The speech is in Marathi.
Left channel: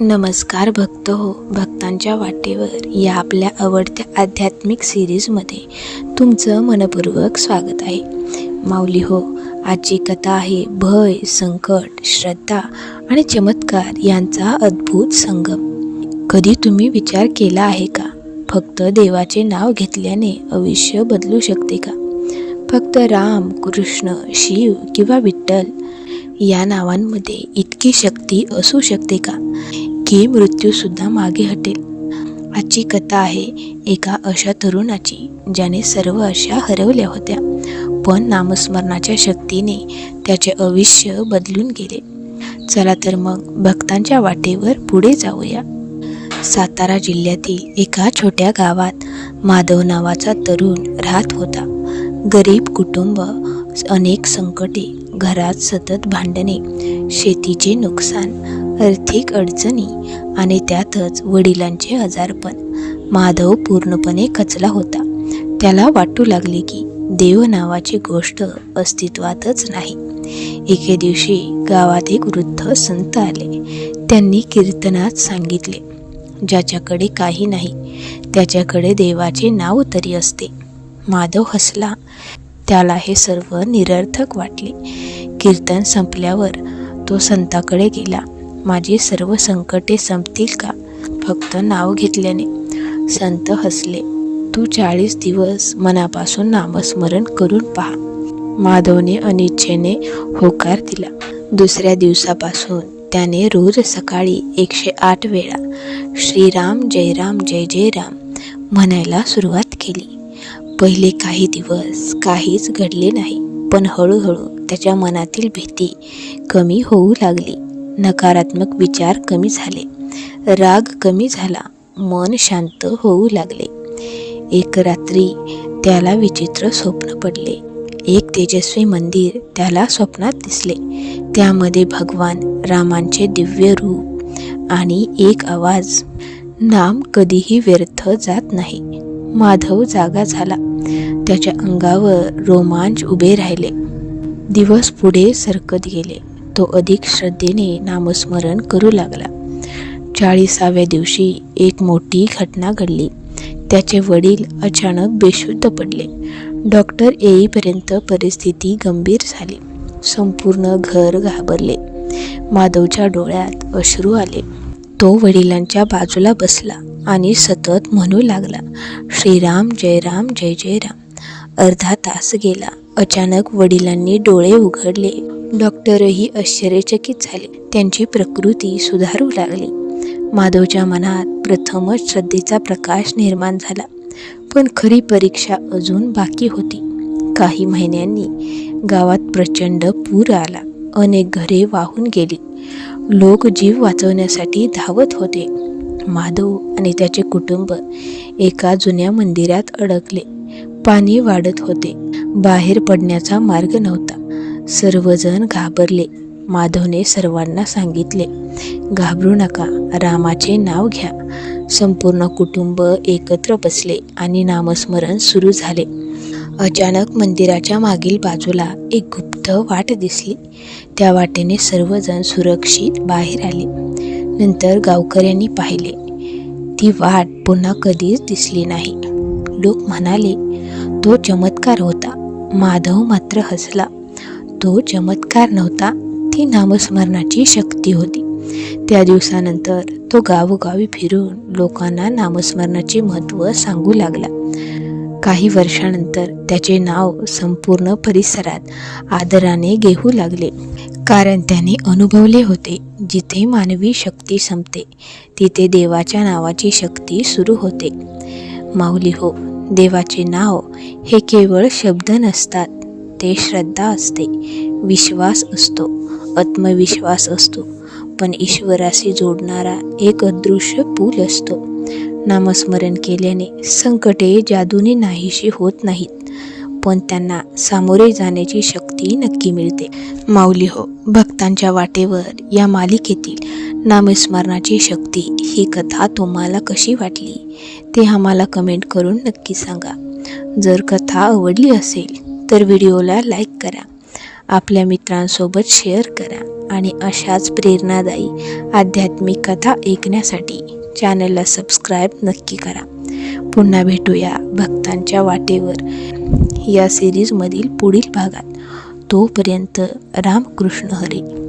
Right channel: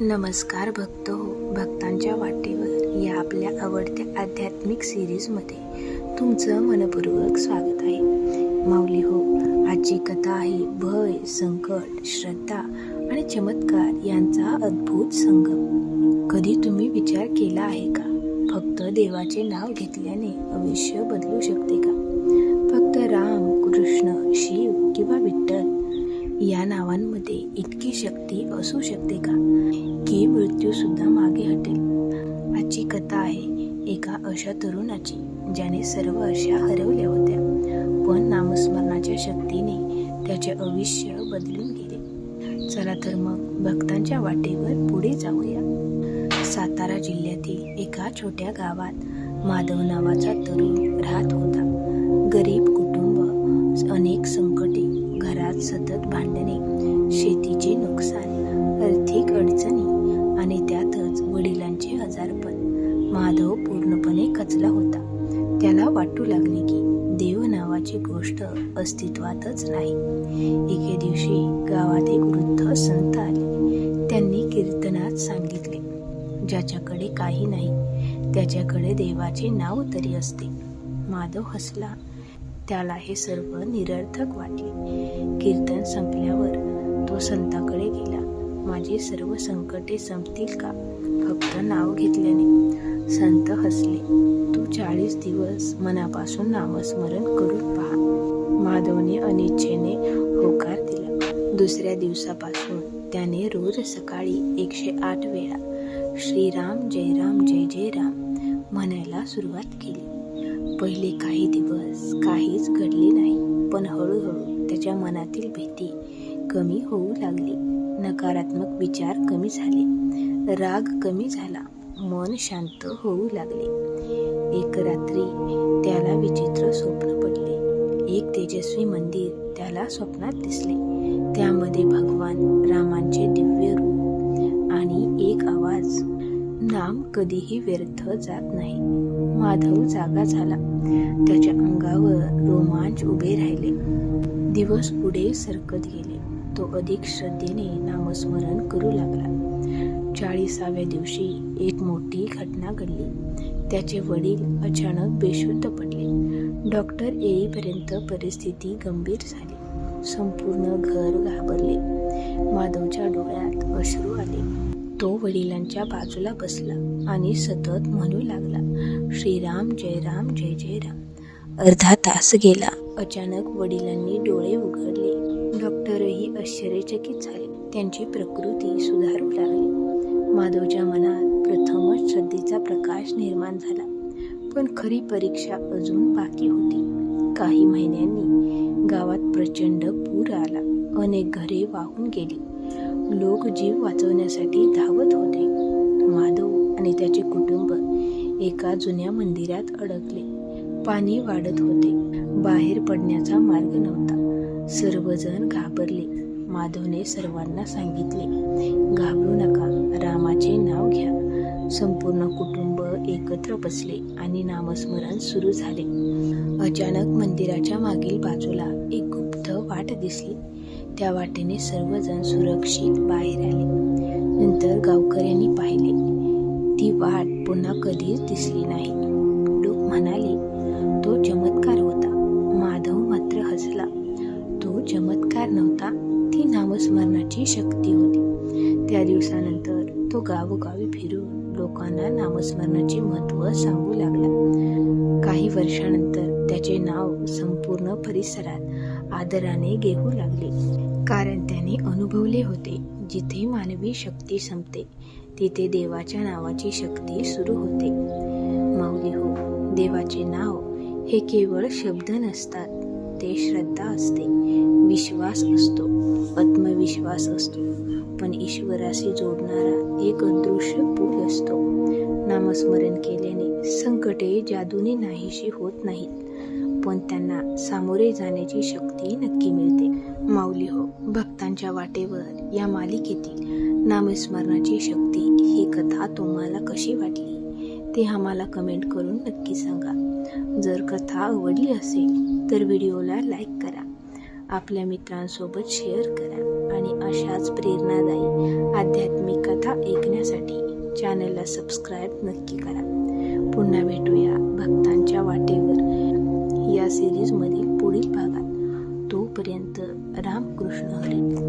नमस्कार भक्त हो, भक्तांच्या वाटेवर या आपल्या आवडत्या आध्यात्मिक सिरीजमध्ये तुमचं मनपूर्वक स्वागत आहे. माऊली हो, आजची कथा आहे भय, संकट, श्रद्धा आणि चमत्कार यांचा अद्भुत संगम. कधी तुम्ही विचार केला आहे का, फक्त देवाचे नाव घेतल्याने आयुष्य बदलू शकते का? फक्त राम, कृष्ण, शिव किंवा विठ्ठल या नावांमध्ये इतकी शक्ती असू शकते का की मृत्यूसुद्धा मागे हटेल? आजची कथा आहे एका अशा तरुणाची ज्याने सर्व आशा हरवल्या होत्या, पण नामस्मरणाच्या शक्तीने त्याचे आयुष्य बदलून गेले. चला तर मग भक्तांच्या वाटेवर पुढे जाऊया. सातारा जिल्ह्यातील एका छोट्या गावात माधव नावाचा तरुण राहत होता. गरीब कुटुंब, अनेक संकटे, घरात सतत भांडणे, शेतीचे नुकसान, आर्थिक अडचणी आणि त्यातच वडिलांचे आजारपण. माधव पूर्णपणे खचला होता. त्याला वाटू लागले की देव नावाची गोष्ट अस्तित्वातच नाही. एके दिवशी गावात एक वृद्ध संत आले. त्यांनी कीर्तनात सांगितले, ज्याच्याकडे काही नाही त्याच्याकडे देवाचे नाव तरी असते. माधव हसला. त्याला हे सर्व निरर्थक वाटले. कीर्तन संपल्यावर तो संताकडे गेला. माझी सर्व संकटे संपतील का फक्त नाव घेतल्याने? संत हसले. तू 40 दिवस मनापासून नामस्मरण करून पहा. माधवने अनिच्छेने होकार दिला. दुसऱ्या दिवसापासून त्याने रोज सकाळी 108 वेळा श्रीराम जय राम जय जय राम म्हणायला सुरुवात केली. पहिले काही दिवस काहीच घडले नाही, पण हळूहळू त्याच्या मनातील भीती कमी होऊ लागली. नकारात्मक विचार कमी झाले, राग कमी झाला, मन शांत होऊ लागले. एक रात्री त्याला विचित्र स्वप्न पडले. एक तेजस्वी मंदिर त्याला स्वप्नात दिसले. त्यामध्ये भगवान रामांचे दिव्य रूप आणि एक आवाज, नाम कधीही व्यर्थ जात नाही. माधव जागा झाला. त्याच्या अंगावर रोमांच उभे राहिले. दिवस पुढे सरकत गेले. तो अधिक श्रद्धेने नामस्मरण करू लागला. 40व्या दिवशी एक मोठी घटना घडली. त्याचे वडील अचानक बेशुद्ध पडले. डॉक्टर येईपर्यंत परिस्थिती गंभीर झाली. संपूर्ण घर घाबरले. माधवच्या डोळ्यात अश्रू आले. तो वडिलांच्या बाजूला बसला आणि सतत म्हणू लागला, श्रीराम जय राम जय जय राम. अर्धा तास गेला. अचानक वडिलांनी डोळे उघडले. डॉक्टरही आश्चर्यचकित झाले. त्यांची प्रकृती सुधारू लागली. माधवच्या मनात प्रथमच श्रद्धेचा प्रकाश निर्माण झाला. पण खरी परीक्षा अजून बाकी होती. काही महिन्यांनी गावात प्रचंड पूर आला. अनेक घरे वाहून गेली. लोक जीव वाचवण्यासाठी धावत होते. माधव आणि त्याचे कुटुंब एका जुन्या मंदिरात अडकले. पाणी वाढत होते. बाहेर पडण्याचा मार्ग नव्हता. सर्वजण घाबरले. माधवने सर्वांना सांगितले, घाबरू नका, रामाचे नाव घ्या. संपूर्ण कुटुंब एकत्र बसले आणि नामस्मरण सुरू झाले. अचानक मंदिराच्या मागील बाजूला एक गुप्त वाट दिसली. त्या वाटेने सर्वजण सुरक्षित बाहेर आले. नंतर गावकऱ्यांनी पाहिले. ती वाट पुन्हा कधीच दिसली नाही. लोक म्हणाले, तो चमत्कार होता. माधव मात्र हसला. तो चमत्कार नव्हता, ती नामस्मरणाची शक्ती होती. त्या दिवसानंतर तो गावोगावी फिरून लोकांना नामस्मरणाचे महत्त्व सांगू लागला. काही वर्षानंतर त्याचे नाव संपूर्ण परिसरात आदराने घेऊ लागले. कारण त्याने अनुभवले होते, जिथे मानवी शक्ती संपते तिथे देवाच्या नावाची शक्ती सुरू होते. माऊली हो, देवाचे नाव हे केवळ शब्द नसतात. ते श्रद्धा असते, विश्वास असतो, आत्मविश्वास असतो, पण ईश्वराशी जोडणारा एक अदृश्य पूल असतो. नामस्मरण केल्याने संकटे जादूने नाहीशी होत नाहीत, पण त्यांना सामोरे जाण्याची शक्ती नक्की मिळते. माऊली हो, भक्तांच्या वाटेवर या मालिकेतील नामस्मरणाची शक्ती ही कथा तुम्हाला कशी वाटली ते आम्हाला कमेंट करून नक्की सांगा. जर कथा आवडली असेल तर व्हिडिओला लाईक करा आपल्या मित्रांसोबत शेअर करा आणि अशाच प्रेरणादायी आध्यात्मिक कथा ऐकण्यासाठी चॅनलला सबस्क्राईब नक्की करा. पुन्हा भेटूया भक्तांच्या वाटेवर या सिरीजमधील पुढील भागात. तोपर्यंत रामकृष्ण हरी.